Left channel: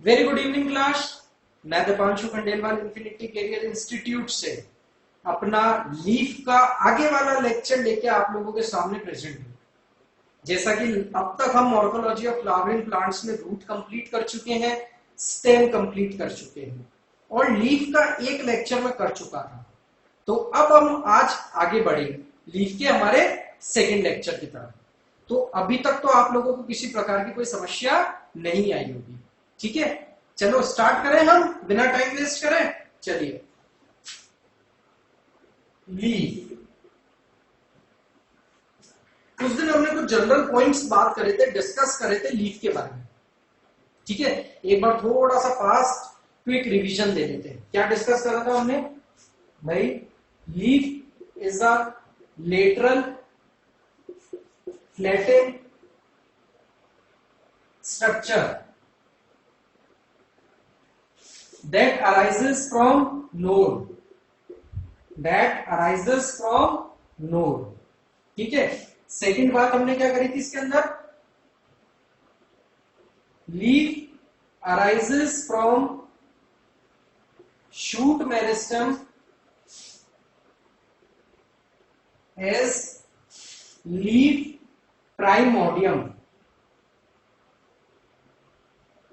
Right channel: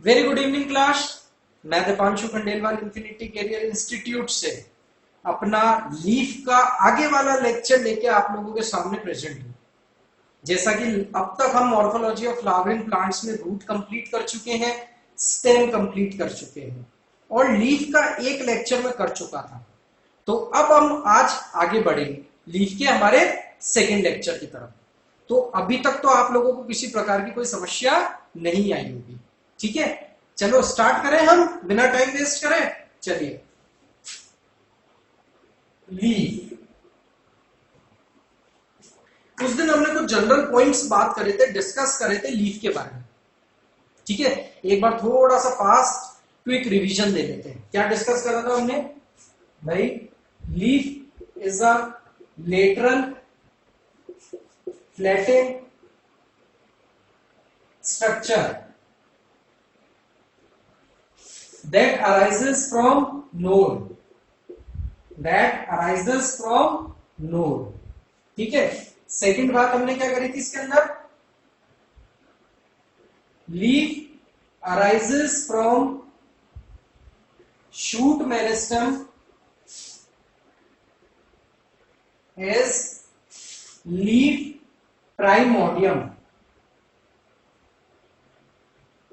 Very good evening class. मैं Deepanshu Khandelwal Infinity Career Institute से अपना लीफ का आगे वाला लेक्चर लेके आप लोगों के सामने प्रेजेंट हूं। जैसा कि अब तक हम मॉर्फोलॉजी ऑफ फ्लावरिंग प्लांट्स में रूट कंप्लीट कर चुके हैं, स्टेम कंप्लीट कर चुके हैं और लीफ का एक लेक्चर में कर चुका था। तो अब हम आज आगे बढ़ेंगे लीफ के हमारे सेकेंड लेक्चर की तरफ। तो अभी तक तो आप लोगों को किसी प्रकार की कोई समस्या नहीं आई होगी। ठीक है, चलो स्टार्ट करें हम बिना टाइम वेस्ट करें। चलिए, लीफ। उस दिन हमने कुछ जनरल पॉइंट्स बात करे थे, डिस्कस करे थे लीफ के बारे में। ठीक है, एक बार थोड़ा सा फास्ट क्विक रिवीजन दे लेते हैं। क्या डिस्कस करा था हमने भाई? Leaf is a lateral flatted structure that arises from node। ठीक है, सेकंड बात हमने क्या करी थी इसके अंदर? Leaf arises from shoot meristem as leaf primordium.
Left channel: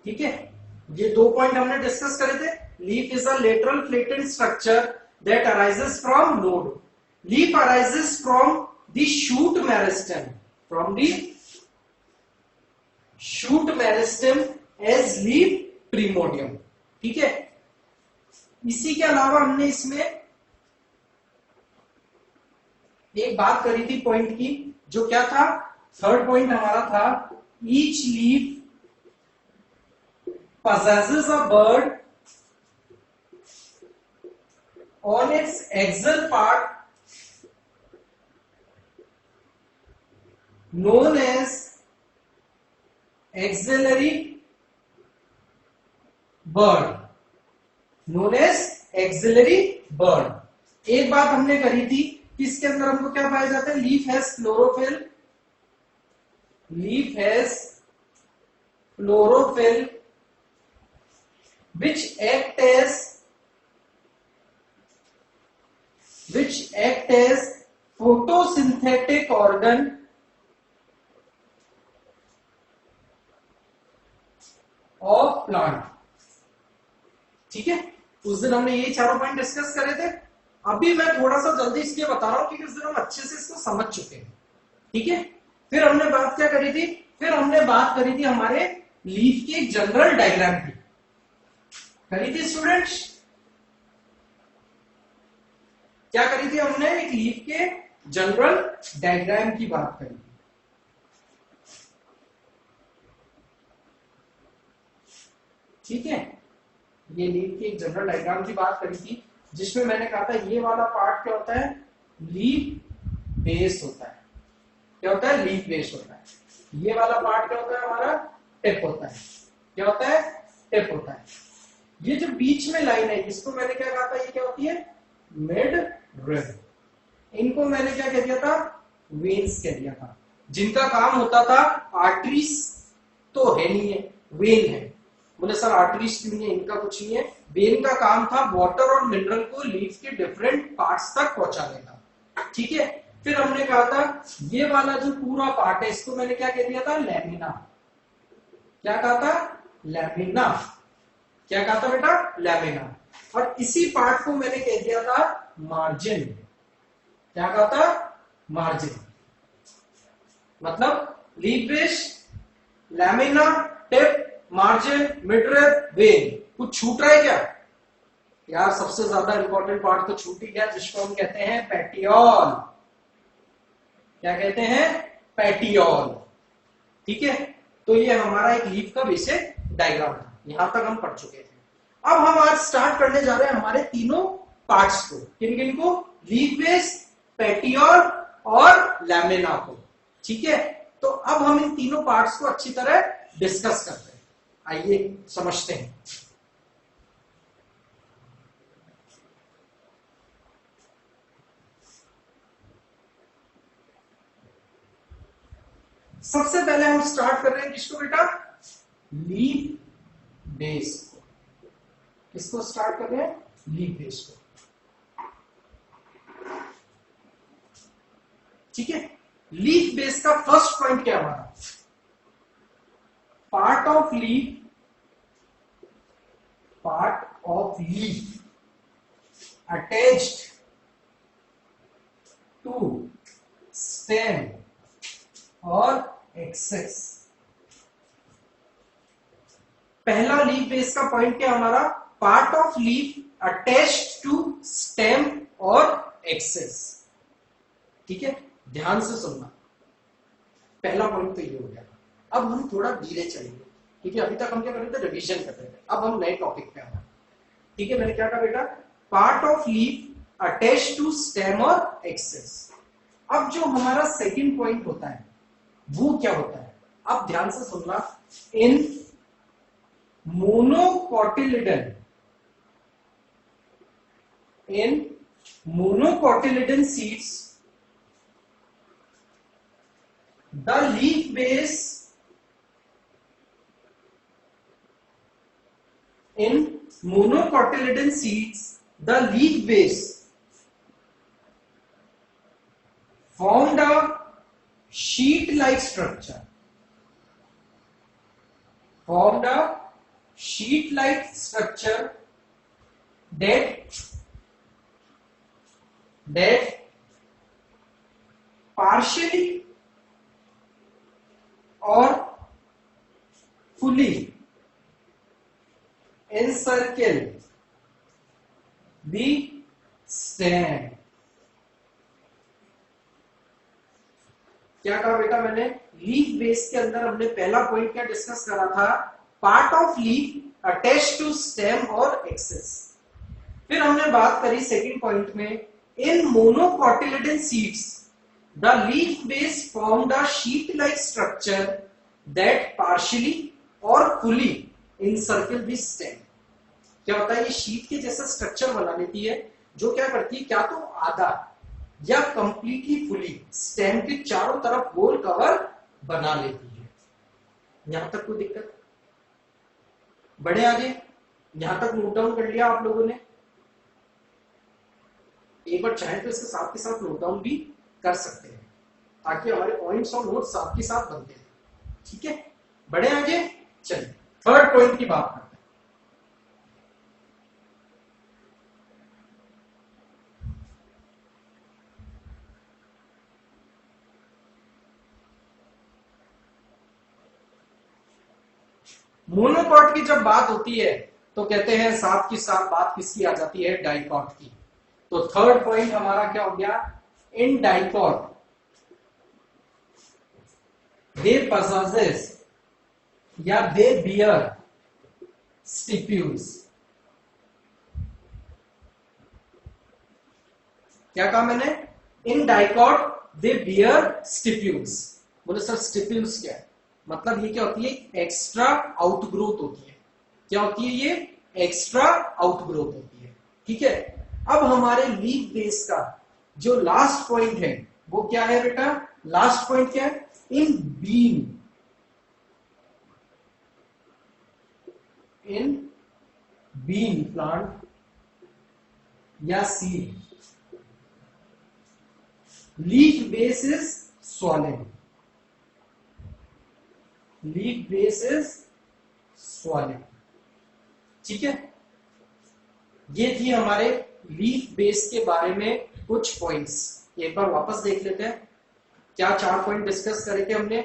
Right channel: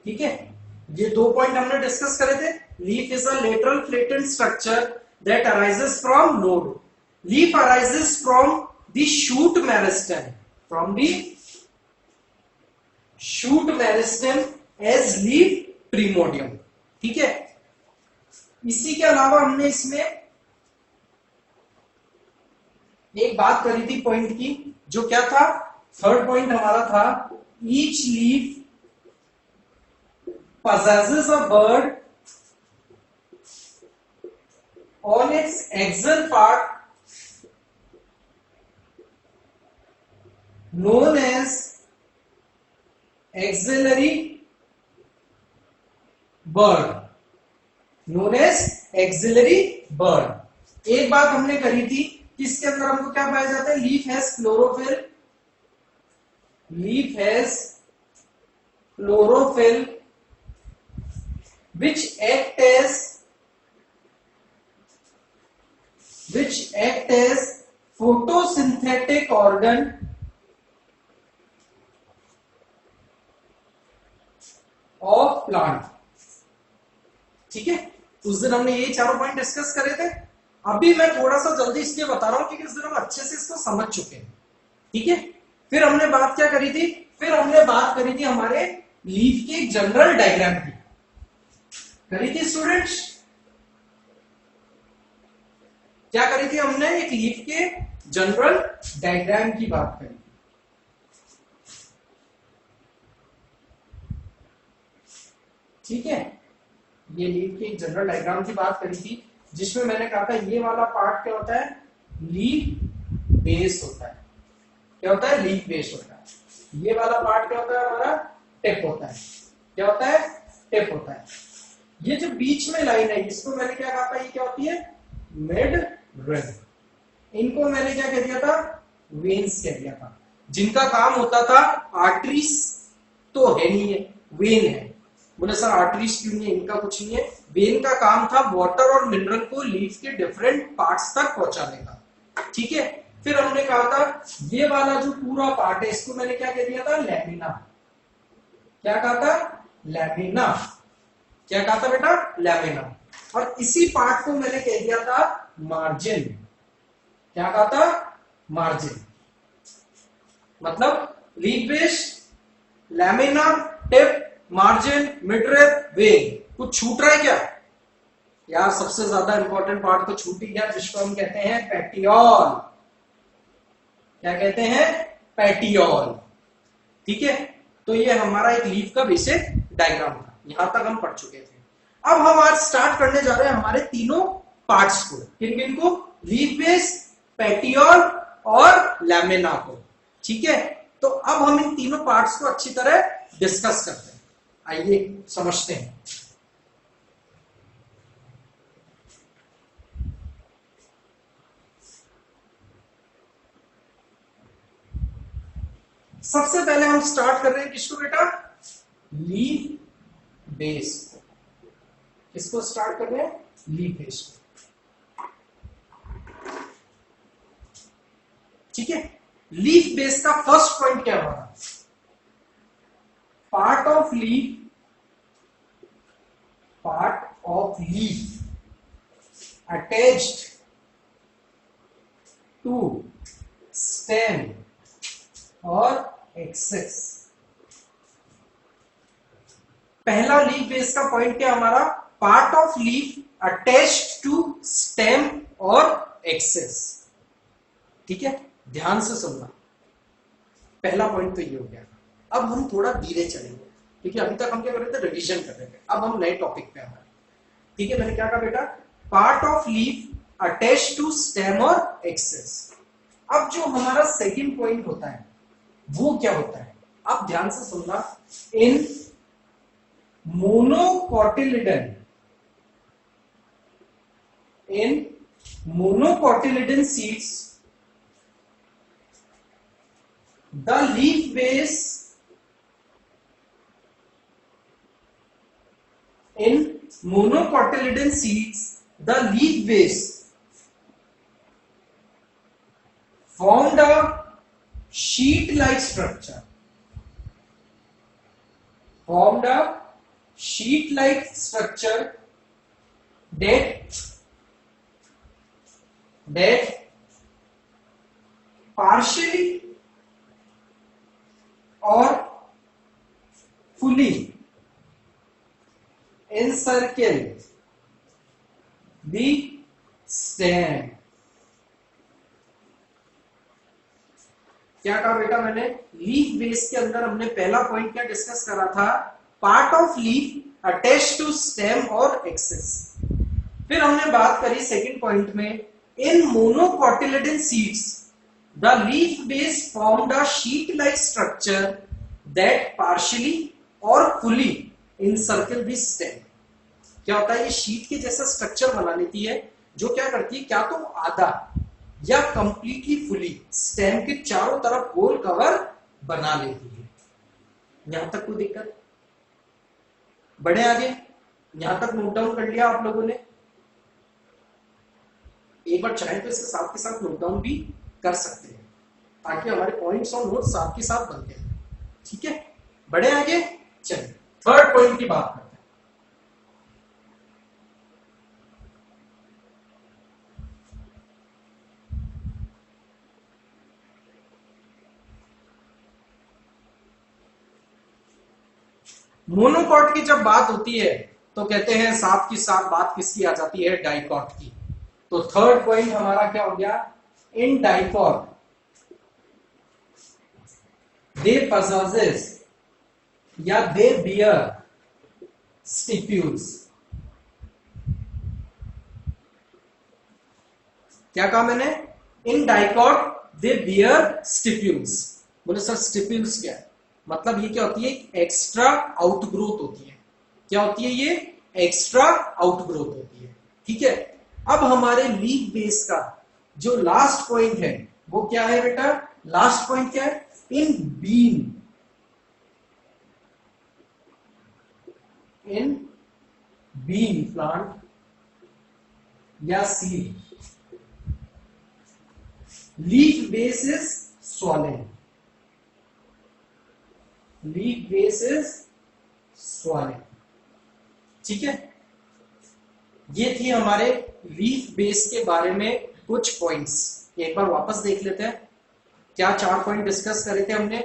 ठीक है, ये दो पॉइंट हमने डिस्कस करे थे। Leaf is a lateral flatted structure that arises from node. Leaf arises from the shoot meristem as leaf primordium. ठीक है, इसी के अलावा हमने इसमें एक बात करी थी पॉइंट की, जो क्या था? थर्ड पॉइंट हमारा था each leaf possesses a bird on its axial part known as axillary bird। एक बात हमने करी थी कि इसके अंदर हमको क्या पाया जाता है? Leaf has chlorophyll which act as photosynthetic organ of plant। ठीक है, उस दिन हमने यही चारों पॉइंट डिस्कस करे थे। अभी मैं थोड़ा सा जल्दी इसलिए बता रहा हूं क्योंकि उस दिन हम अच्छे से इसको समझ चुके हैं। ठीक है, फिर हमने बात क्या करी थी? फिर हमने बात करी थी हमारे लीफ के जनरल डायग्राम की। करी थी स्टूडेंट्स? क्या करी थी हमने? एक लीफ के जनरल डायग्राम की बात करी थी। ठीक है, ये लीफ के जनरल डायग्राम की बात करी थी, जिसमें मैंने कहा था ये वाला पार्ट क्या होता है? लीफ बेस होता है। क्या होता है? लीफ बेस होता है। ये वाला पार्ट क्या होता है? हमारा टिप होता है। क्या होता है? टिप होता है। ये जो बीच में लाइन है, इसको मैंने क्या कहा था? ये क्या होती है? Mid rib. इनको मैंने क्या कह दिया था? वेन्स कह दिया था, जिनका काम होता था, आर्टरीज तो है नहीं है, वेन है। बोले सर आर्टरीज क्यों नहीं है? इनका कुछ नहीं है। वेन का काम था वाटर और मिनरल को लीफ के डिफरेंट पार्ट्स तक पहुंचाने का। ठीक है, फिर हमने कहा था ये वाला जो पूरा पार्ट है, इसको मैंने क्या कह दिया था? लैमिना। क्या कहा था? लैमिना। क्या कहा था बेटा? लैमिना। और इसी पार्ट को मैंने कह दिया था मार्जिन। क्या कहा था? मार्जिन। मतलब leaf base, lamina, tip, margin, midrib, when. कुछ छूट रहा है क्या यार? सबसे ज्यादा इंपॉर्टेंट पार्ट तो छूट ही गया, जिसको हम कहते हैं पेटियोल। क्या कहते हैं? पेटियोल। ठीक है, तो ये हमारा एक लीफ का बेसिक डायग्राम था। यहां तक हम पढ़ चुके थे। अब हम आज स्टार्ट करने जा रहे हैं हमारे तीनों पार्ट्स को। किन किन को? लीफ बेस, पेटियोल और लैमिना को। ठीक है, तो अब हम इन तीनों पार्ट्स को अच्छी तरह डिस्कस करते हैं। आइए समझते हैं। सबसे पहले हम स्टार्ट कर रहे हैं किसको बेटा? लीफ बेस को, किसको स्टार्ट कर रहे हैं, लीफ बेस को। ठीक है, लीफ बेस का फर्स्ट पॉइंट क्या हमारा, part of leaf attached to stem और एक्सेस। पहला लीफ बेस का पॉइंट क्या हमारा, part of leaf attached to stem और एक्सेस। ठीक है, ध्यान से सुनना, पहला पॉइंट तो ये हो गया। अब हम थोड़ा धीरे चलेंगे, ठीक है, अभी तक हम क्या कर रहे थे, रिवीजन कर रहे थे, अब हम नए टॉपिक पे आ रहे हैं। ठीक है, मैंने क्या कहा बेटा, part of leaf attach to stem और एक्सेस। अब जो हमारा सेकंड पॉइंट होता है वो क्या होता है, अब ध्यान से सुनना, इन monocotyledon seeds the leaf base in monocotyledon seeds, the leaf base formed a sheet like structure, that partially or fully encircle the stem। क्या कहा बेटा मैंने, लीफ बेस के अंदर हमने पहला पॉइंट क्या डिस्कस करा था, part of leaf attach to stem और एक्सेस। फिर हमने बात करी सेकंड पॉइंट में, in monocotyledon seeds the leaf base formed a sheet like structure that partially or fully encircle the stem। क्या होता है, ये शीट के जैसा स्ट्रक्चर बना लेती है जो क्या करती है, क्या तो आधा या कंप्लीटली फुली स्टेम के चारों तरफ गोल कवर बना लेती है। यहां तक कोई दिक्कत, बढ़े आगे, यहां तक नोट डाउन कर लिया आप लोगों ने, एक बार चाहे तो इसके साथ के साथ नोट डाउन भी कर सकते हैं ताकि हमारे पॉइंट्स और नोट्स साथ के साथ बनते हैं। ठीक है, बढ़े आगे, चलिए थर्ड पॉइंट की बात करते हैं। मोनोकॉट की जब बात होती है तो कहते हैं साथ की साथ बात किसकी आ जाती है, डाइकॉट की। तो थर्ड पॉइंट हमारा क्या हो गया, इन डाइकॉट they possesses या they bear stipules। क्या कहा मैंने, in dicot they bear stipules। बोले सर स्टिप्यूल्स क्या है, मतलब ये क्या होती है, एक्स्ट्रा आउटग्रोथ होती है। क्या होती है ये, एक्स्ट्रा आउटग्रोथ होती है। ठीक है, अब हमारे लीफ बेस का जो लास्ट पॉइंट है वो क्या है बेटा, लास्ट पॉइंट क्या है, इन बीन प्लांट या seed leaf base is swollen. Leaf base is swollen. ठीक है, ये थी हमारे लीफ बेस के बारे में कुछ पॉइंट्स। एक बार वापस देख लेते हैं, क्या 4 पॉइंट डिस्कस करे थे हमने,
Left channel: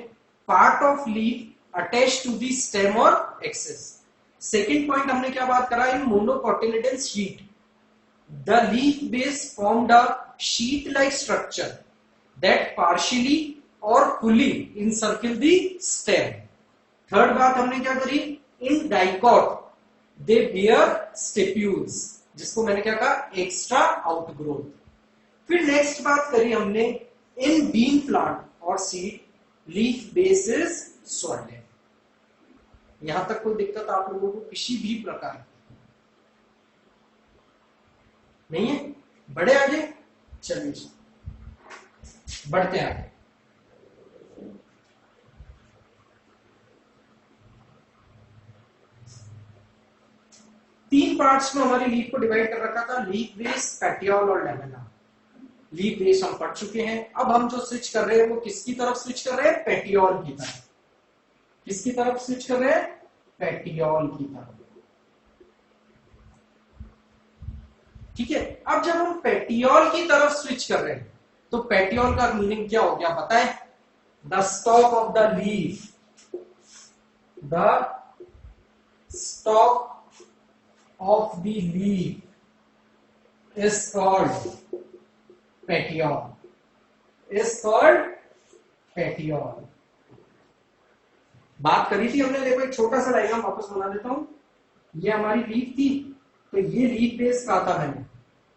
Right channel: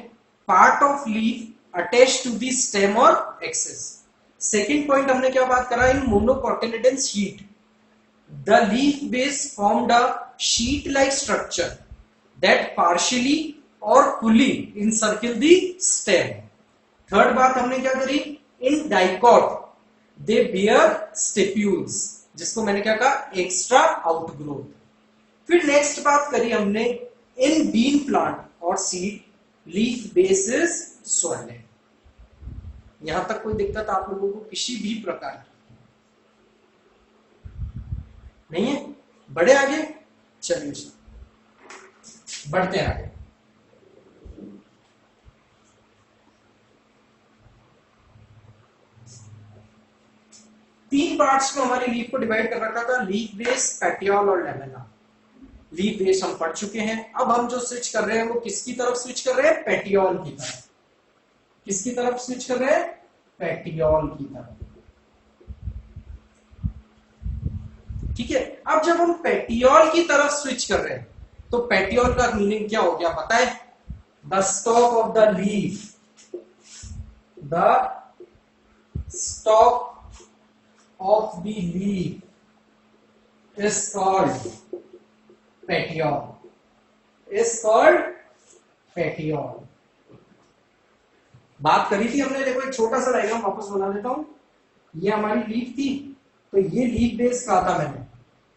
part of leaf attach to the stem और एक्सेस। सेकेंड पॉइंट हमने क्या बात करा, in monocotyledon sheath the leaf base formed a sheath like structure that partially और fully encircle the stem. Third बात हमने क्या करी, in dicot they bear stipules, जिसको मैंने क्या कहा, एक्स्ट्रा आउटग्रोथ। फिर नेक्स्ट बात करी हमने, इन बीन प्लांट और seed leaf base is swollen. यहां तक कोई दिक्कत आप लोगों को किसी भी प्रकार की नहीं है, बढ़े आगे, चलिए बढ़ते आगे। पार्ट्स में हमारी लीफ को डिवाइड कर रखा था, लीफ बेस, पेटियोल और लैमेना। लीफ बेस हम पढ़ चुके हैं। अब हम जो स्विच कर रहे हैं वो किसकी तरफ स्विच कर रहे हैं? पेटियोल की तरफ। किसकी तरफ स्विच कर रहे हैं? पेटियोल की तरफ। ठीक है, अब जब हम पेटियोल की तरफ स्विच कर रहे हैं तो पेटियोल का मीनिंग क्या हो गया पता है? The stalk of the leaf, the stalk of the leaf is called petiole, is called petiole. बात करी थी हमने, देखो एक छोटा सा डायग्राम वापस बना देता हूं। ये हमारी लीफ थी, तो ये लीफ बेस कहा था मैंने,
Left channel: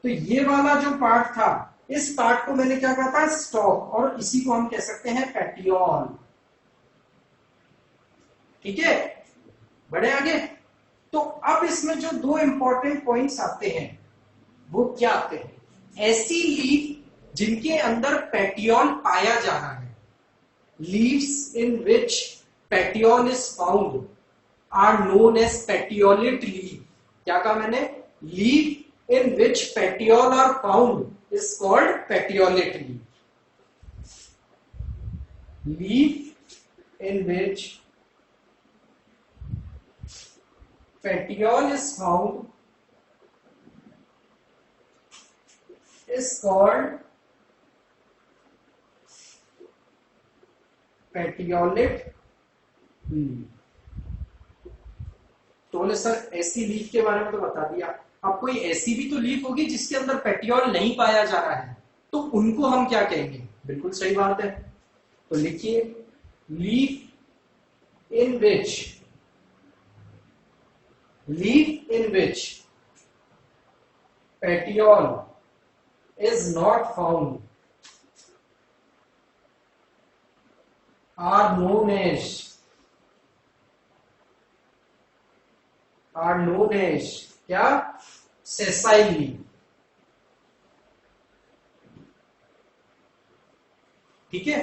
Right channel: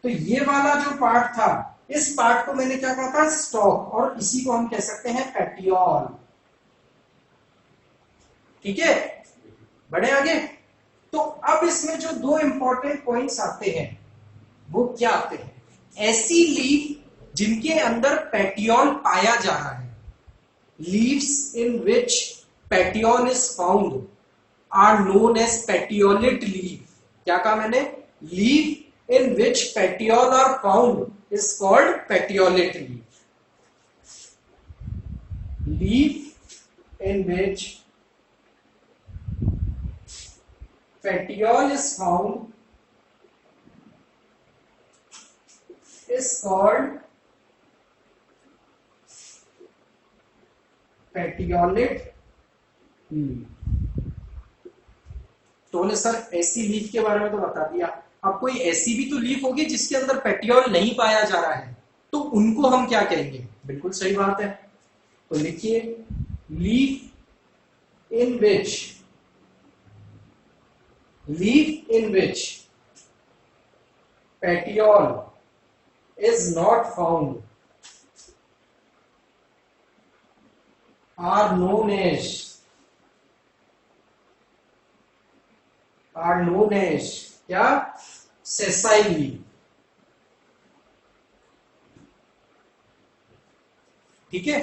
तो ये वाला जो पार्ट था, इस पार्ट को मैंने क्या कहा था? स्टॉक, और इसी को हम कह सकते हैं पेटियोल। ठीक है, बढ़े आगे। तो अब इसमें जो दो इंपॉर्टेंट पॉइंट्स आते हैं वो क्या आते हैं? ऐसी लीफ जिनके अंदर पेटियोल पाया जा रहा है, leaves in which petiole is found are known as petiolate leaf. क्या कहा मैंने? Leaf in which petiole are found is called petiolate leaf. Leaf in which petiole is found is called petiolate leaf। तो बोले sir ऐसी leaf के बारे में तो बता दिया, अब कोई ऐसी भी तो लीफ होगी जिसके अंदर पेटियोल नहीं पाया जा रहा है, तो उनको हम क्या कहेंगे? बिल्कुल सही बात है, तो लिखिए leaf in which, leaf in which petiole is not found are known as क्या? sessile leaf। ठीक है,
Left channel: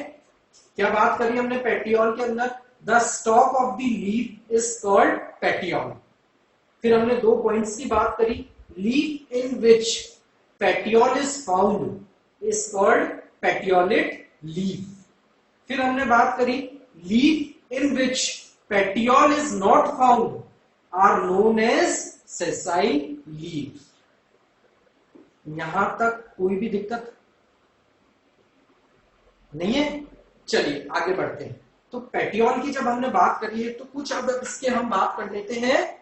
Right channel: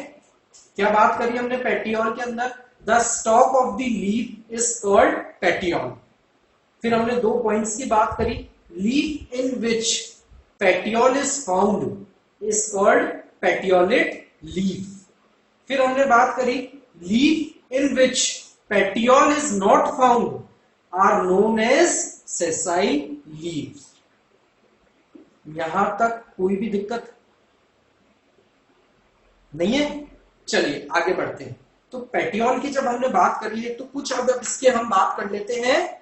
क्या बात करी हमने पेटियोल के अंदर? The stalk of the leaf is called petiole. फिर हमने दो पॉइंट्स की बात करी, leaf in which petiole is found is called petiolate leaf. फिर हमने बात करी leaf in which petiole is not found are known as sessile leaf. यहां तक कोई भी दिक्कत नहीं है? चलिए आगे बढ़ते हैं। तो पेटियोल की जब हमने बात कर ली है तो कुछ अब इसके हम बात कर लेते हैं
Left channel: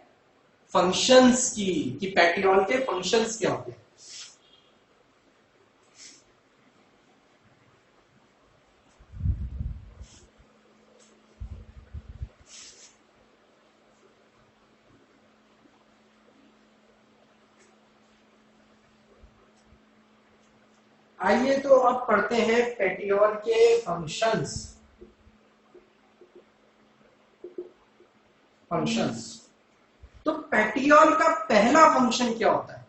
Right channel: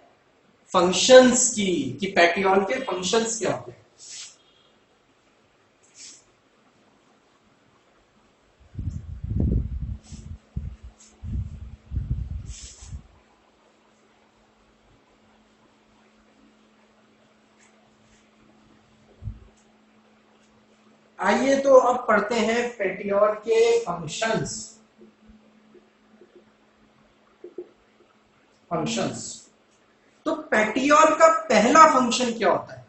फंक्शंस की, कि पेटियोल के फंक्शंस क्या होते हैं। आइए तो अब पढ़ते हैं पेटियोल के फंक्शंस। तो पेटियोल का पहला फंक्शन क्या होता है?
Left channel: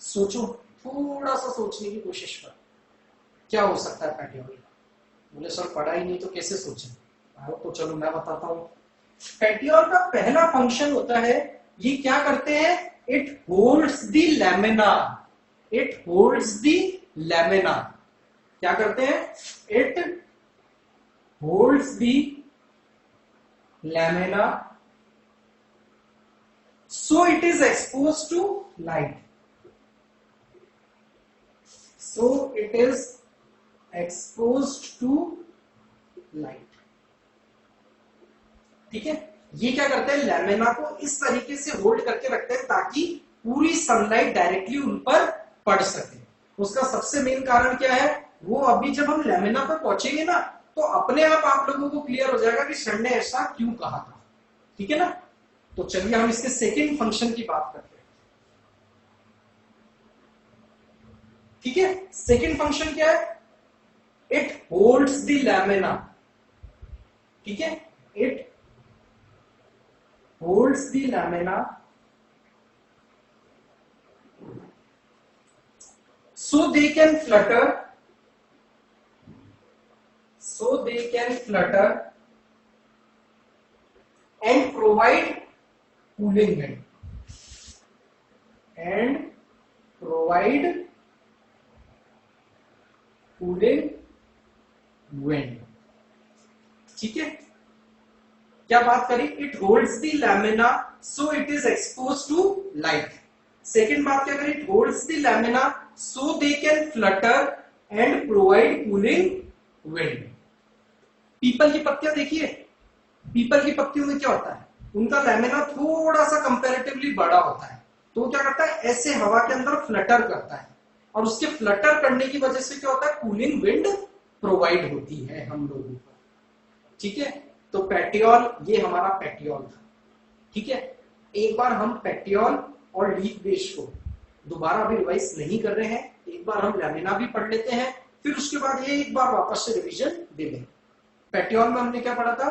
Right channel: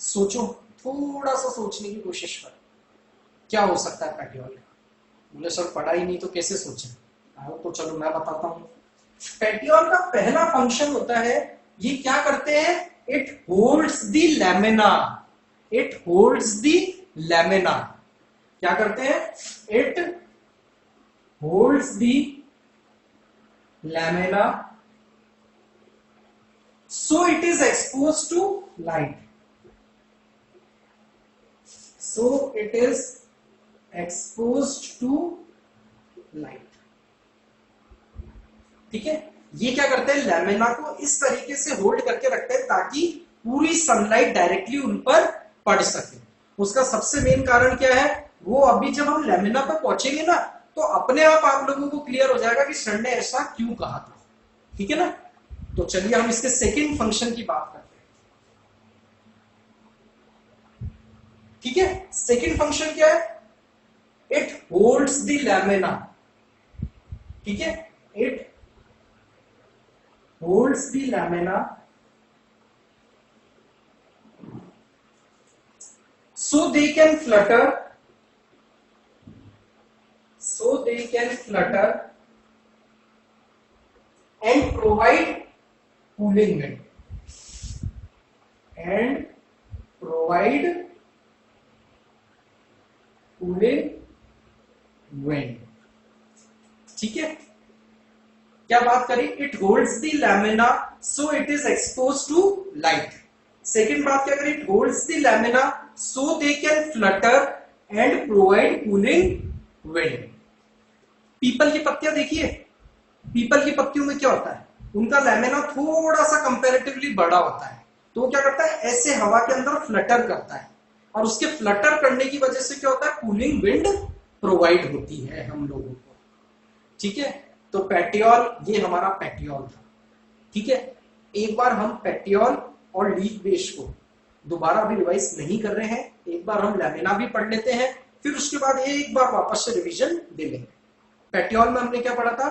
सोचो, थोड़ा सा सोचने की कोशिश करो, क्या हो सकता है पेटियोल का? बोले सर पढ़ा ही नहीं तो कैसे सोचें? तो चलो मैं बताता हूं। पेटियोल का पहला फंक्शन होता है, ये क्या करते हैं? It holds the lamina, it holds the lamina. क्या करते हैं? It holds the lamina so it is exposed to light, so it is exposed to light। ठीक है, ये क्या करते हैं? लैमिना को इस तरीके से होल्ड करके रखते हैं ताकि पूरी सनलाइट डायरेक्टली उन पर पड़ सके। उसका सबसे मेन कारण क्या है? वो अभी जब हम लैमिना पर पहुंचेंगे ना तो अपने आप लोगों को क्लियर हो जाएगा कि सर ने ऐसा क्यों कहा था। ठीक है ना? तो चलिए हम इसके सेकेंड फंक्शन की बात करते हैं। ठीक है, सेकेंड फंक्शन क्या है? It holds the lamina. ठीक है, it holds the lamina so they can flutter, and provide cooling wind। And provide cooling wind. ठीक है, क्या बात करें, it holds the lamina so it is expose to light. Second बात क्या करें, it holds the lamina so they can flutter and provide cooling wind. पीपल की पत्तियां देखिए, पीपल की पत्तियों में क्या होता है, उनका लैमिना थोड़ा सा कंपैरेटिवली बड़ा होता है, तो वो क्या करता है, ऐसे हवा के अंदर फ्लटर करता है, और उसके फ्लटर करने की वजह से क्या होता है, कूलिंग विंड प्रोवाइड होती है हम लोगों को। ठीक है, तो पेटियोल, ये हमारा पेटियोल था। ठीक है, एक बार हम पेटियोल और लीफ बेस को दोबारा भी रिवाइज नहीं कर रहे हैं, एक बार हम लैमिना भी पढ़ लेते हैं, फिर उसके बाद एक बार वापस से रिवीजन दे लेंगे। पेटियोल में हमने क्या पढ़ा था,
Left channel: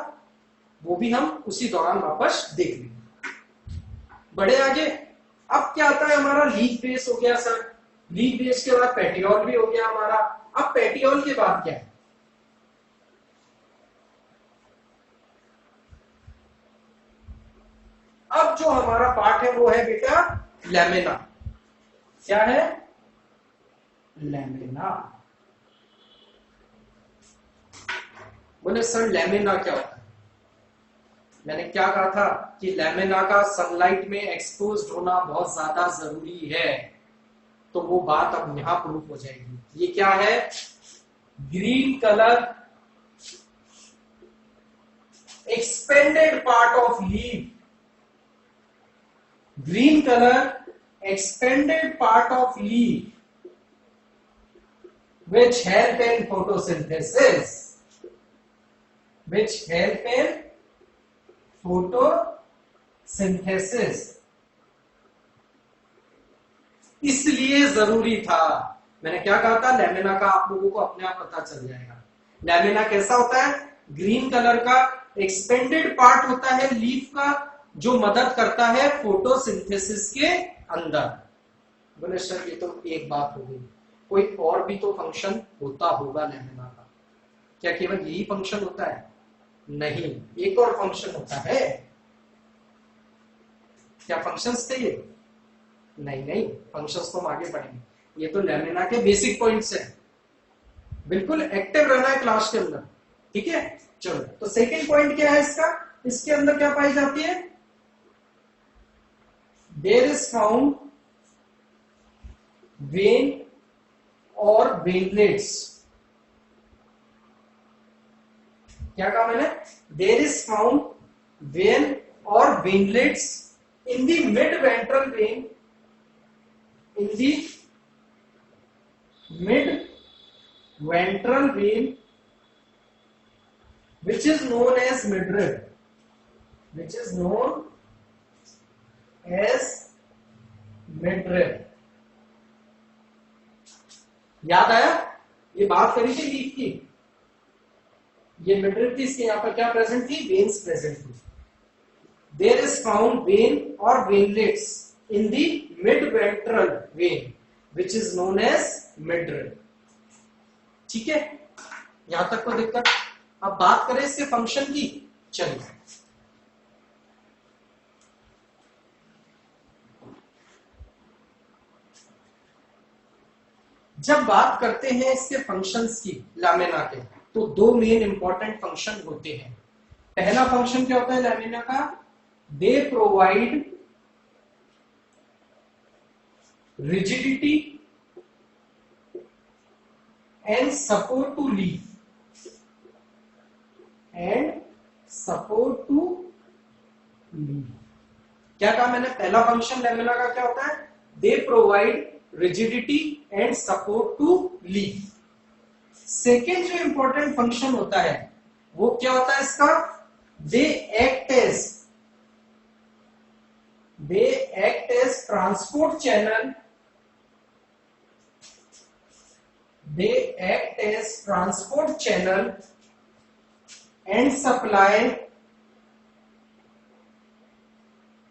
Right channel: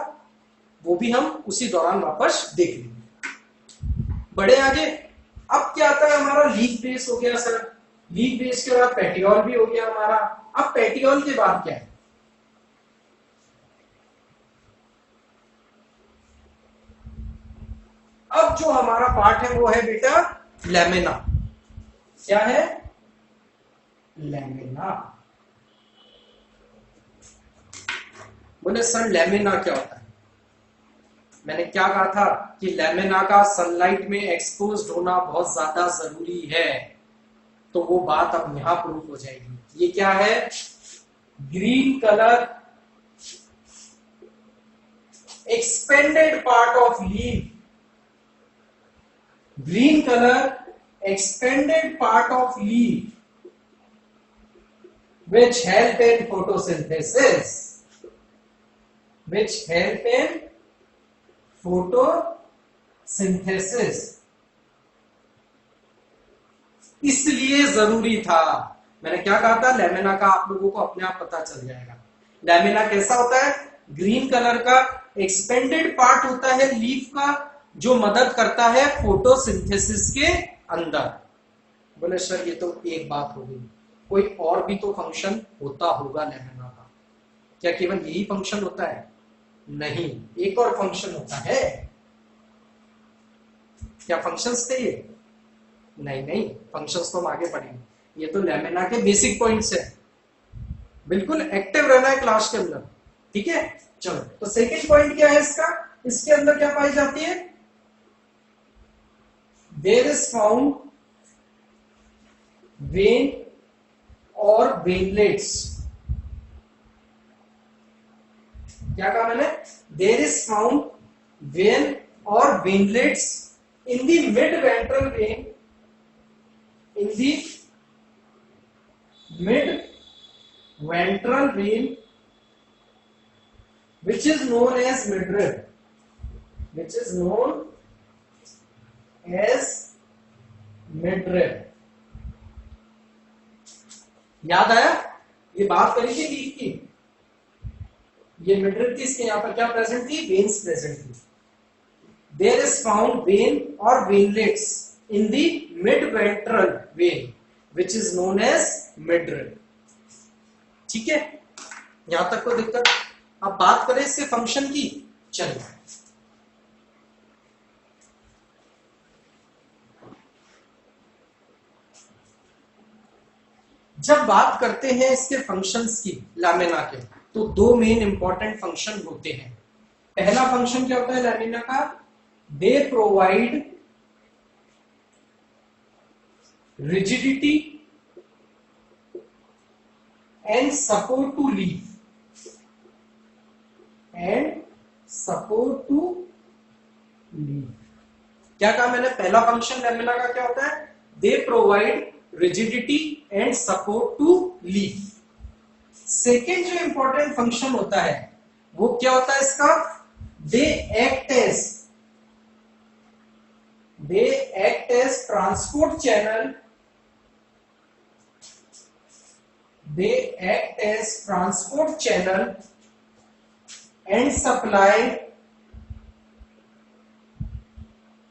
वो भी हम उसी दौरान वापस देख लेंगे। बड़े आगे, अब क्या आता है हमारा, लीफ बेस हो गया सर, लीफ बेस के बाद पेटियोल भी हो गया हमारा। अब पेटियोल के बाद क्या है, अब जो हमारा पार्ट है वो है बेटा लैमिना। क्या है, लैमिना। बोले सर लैमिना क्या होता है, मैंने क्या कहा था कि लैमिना का सनलाइट में एक्सपोज्ड होना बहुत ज्यादा जरूरी है, तो वो बात अब यहां प्रूफ हो जाएगी। ये क्या है, green colour expanded part of leaf, green color expanded part of leaf which help in photosynthesis, which help in photosynthesis। इसलिए जरूरी था, मैंने क्या कहा था, लैमिना का आप लोगों को अपने आप पता चल जाएगा। लैमिना कैसा होता है, ग्रीन कलर का एक्सपेंडेड पार्ट होता है लीफ का, जो मदद करता है फोटोसिंथेसिस के अंदर। बोले सर ये तो एक बात हो गई, कोई और भी तो फंक्शन होता होगा लैमिना का, क्या केवल यही फंक्शन होता है, नहीं, एक और फंक्शन होता है। क्या फंक्शंस थे ये, नहीं नहीं, फंक्शंस तो हम आगे पढ़ेंगे, ये तो लैमिना के बेसिक पॉइंट्स है, बिल्कुल एक्टिव रहना है क्लास के अंदर। ठीक है, चलो, तो सेकेंड पॉइंट क्या है इसका, इसके अंदर क्या पाई जाती है, there is found vein or veinlets। क्या कहा मैंने, there is found vein or veinlets in the mid ventral vein, in the mid ventral vein which is known as midrib, which is known as midrib। याद आया, ये बात करी थी leaf की, ये मिडरिब थी, इसके यहां पर क्या प्रेजेंट थी, वेन्स प्रेजेंट थी। देयर इज फाउंड वेन और veinlets in the mid ventral vein which is known as midrib. ठीक है, यहां तक तो दिक्कत। अब बात करें इसके फंक्शन की, चलिए जब बात करते हैं इसके फंक्शंस की लैमिना के, तो दो मेन इंपॉर्टेंट फंक्शन होते हैं। पहला फंक्शन क्या होता है लैमिना का, they provide rigidity and support to leaf, and support to leaf. क्या कहा मैंने, पहला फंक्शन लैमिना का क्या होता है, they provide rigidity and support to leaf. Second जो इंपॉर्टेंट फंक्शन होता है वो क्या होता है इसका, they act as transport channel, they act as transport channel and supply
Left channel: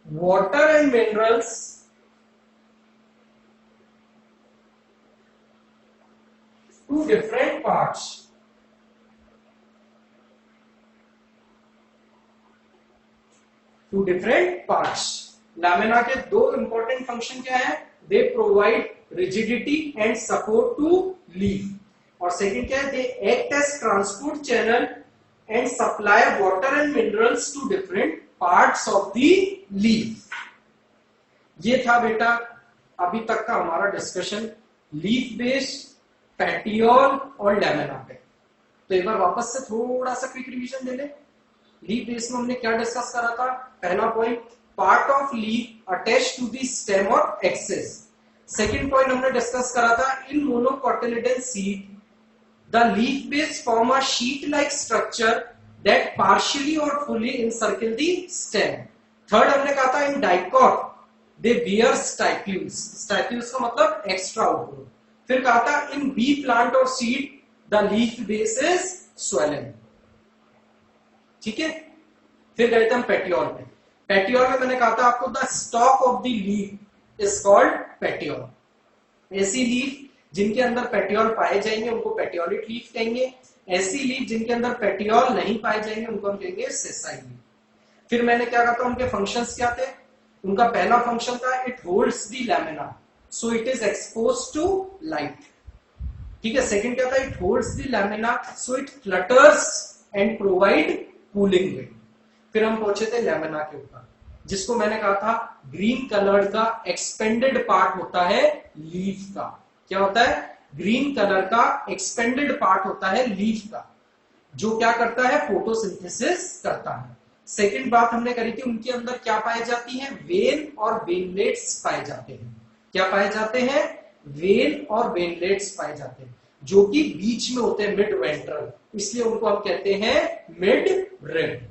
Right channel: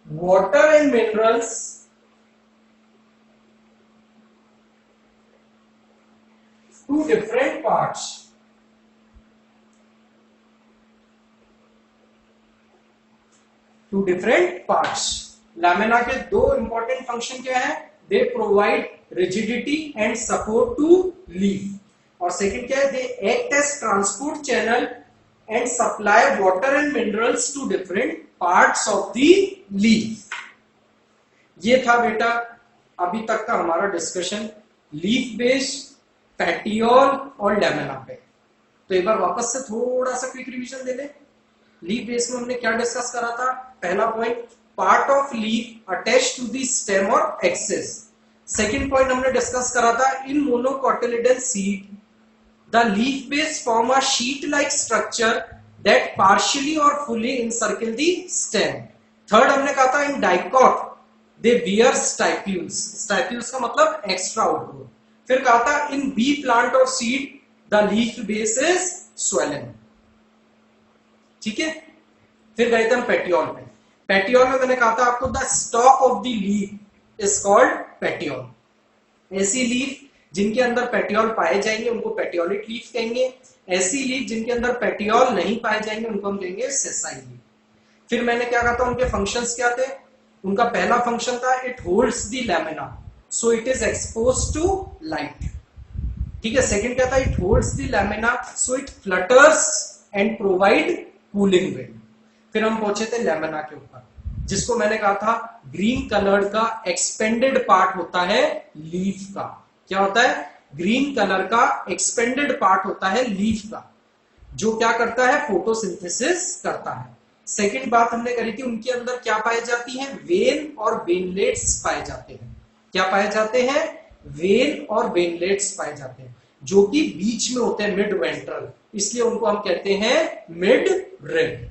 water and minerals to different parts. To different parts. Lamina के दो इंपॉर्टेंट फंक्शन क्या है, they provide rigidity and support to leaf. और second क्या है, they act as transport channel and supply water and minerals to different parts of the leaf. ये था बेटा अभी तक का हमारा डिस्कशन लीफ बेस्ड, पेटियोल और लैमेना पे। तो एक बार वापस से थोड़ा सा क्विक रिवीजन दे ले। लीफ बेस में हमने क्या डिस्कस करा था? पहला point, part of leaf attach to the stem और एक्सेस। सेकंड पॉइंट हमने डिस्कस करा था, in monocotyledon seed the leaf base form a sheath like structure that partially और fully encircle the stem. Third हमने कहा था, इन डाइकॉट दे बियर स्टाइक्यूल्स। स्टाइक्यूल्स का मतलब एक्स्ट्रा आउटग्रोथ। फिर कहा था, इन बी प्लांट और seed the leaf base is swollen. ठीक है, फिर गए थे हम पेटियोल में। पेटियोल में मैंने कहा था आपको, the stalk of the leaf is called petiole. ऐसी लीफ जिनके अंदर पेटियोल पाए जाएंगे उनको पेटियोलिक लीफ कहेंगे। ऐसी लीफ जिनके अंदर पेटियोल नहीं पाए जाएंगे उनको हम कहेंगे सेसाइल लीफ। फिर मैंने क्या कहा था, उनके फंक्शंस क्या थे? उनका पहला फंक्शन था, it holds the lamina so it is expose to light. ठीक है, सेकंड क्या था, it holds the lamina so it flutters and provide cooling wind. फिर हम पहुंचे थे लैमिना के ऊपर, जिसको मैंने कहा था ग्रीन कलर का एक्सपेंडेड पार्ट होता है लीफ का। क्या होता है? ग्रीन कलर का एक्सपेंडेड पार्ट होता है लीफ का, जो क्या करता है? फोटोसिंथेसिस करता है। सेकंड बात हमने करी थी, उनके अंदर क्या पाए जाती हैं? वेन और वेनलेट्स पाए जाते हैं। क्या पाए जाते हैं? वेन और वेनलेट्स पाए जाते हैं, जो कि बीच में होते हैं, मिड वेंट्रल, इसलिए उनको हम कहते हैं मिड रिब।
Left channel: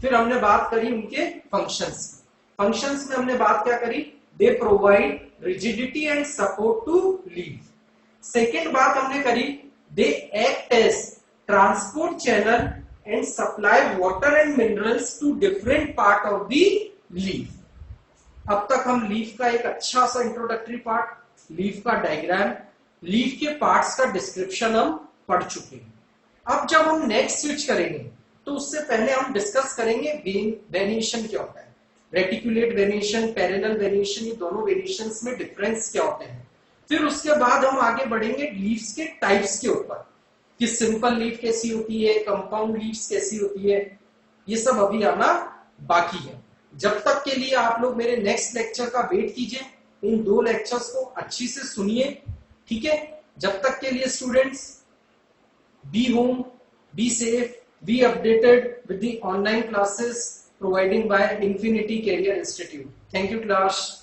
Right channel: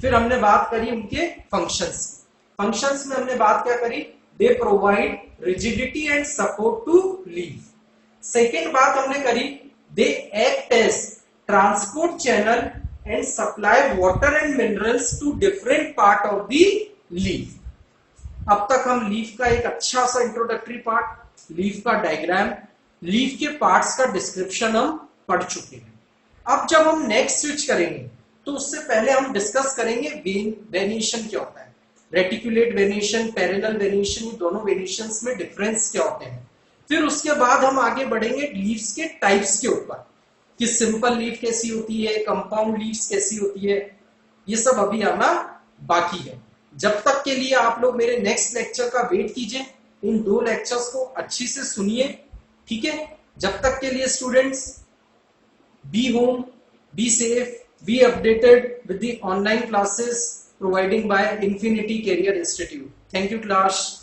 फिर हमने बात करी उनके फंक्शंस। फंक्शंस में हमने बात क्या करी? They provide rigidity and support to leaf. Second बात हमने करी, they act as transport channel and supply water and minerals to different part of the leaf. अब तक हम लीफ का एक अच्छा सा इंट्रोडक्टरी पार्ट, लीफ का डायग्राम, लीफ के पार्ट्स का डिस्क्रिप्शन हम पढ़ चुके हैं। अब जब हम नेक्स्ट स्विच करेंगे तो उससे पहले हम डिस्कस करेंगे वेनिएशन क्या होता है, रेटिकुलेट वेनिएशन, पैरेलल वेनिएशन, ये दोनों वेनिएशंस में डिफरेंस क्या होते हैं। फिर उसके बाद हम आगे बढ़ेंगे लीव्स के टाइप्स के ऊपर, कि सिंपल लीफ कैसी होती है, कंपाउंड लीव्स कैसी होती है, ये सब अभी आना बाकी है। जब तक के लिए आप लोग मेरे नेक्स्ट लेक्चर का वेट कीजिए, इन 2 लेक्चर्स को अच्छी से सुनिए। ठीक है, जब तक के लिए students, be home, be safe, be updated with the online classes providing by Infinity Career Institute. Thank you class.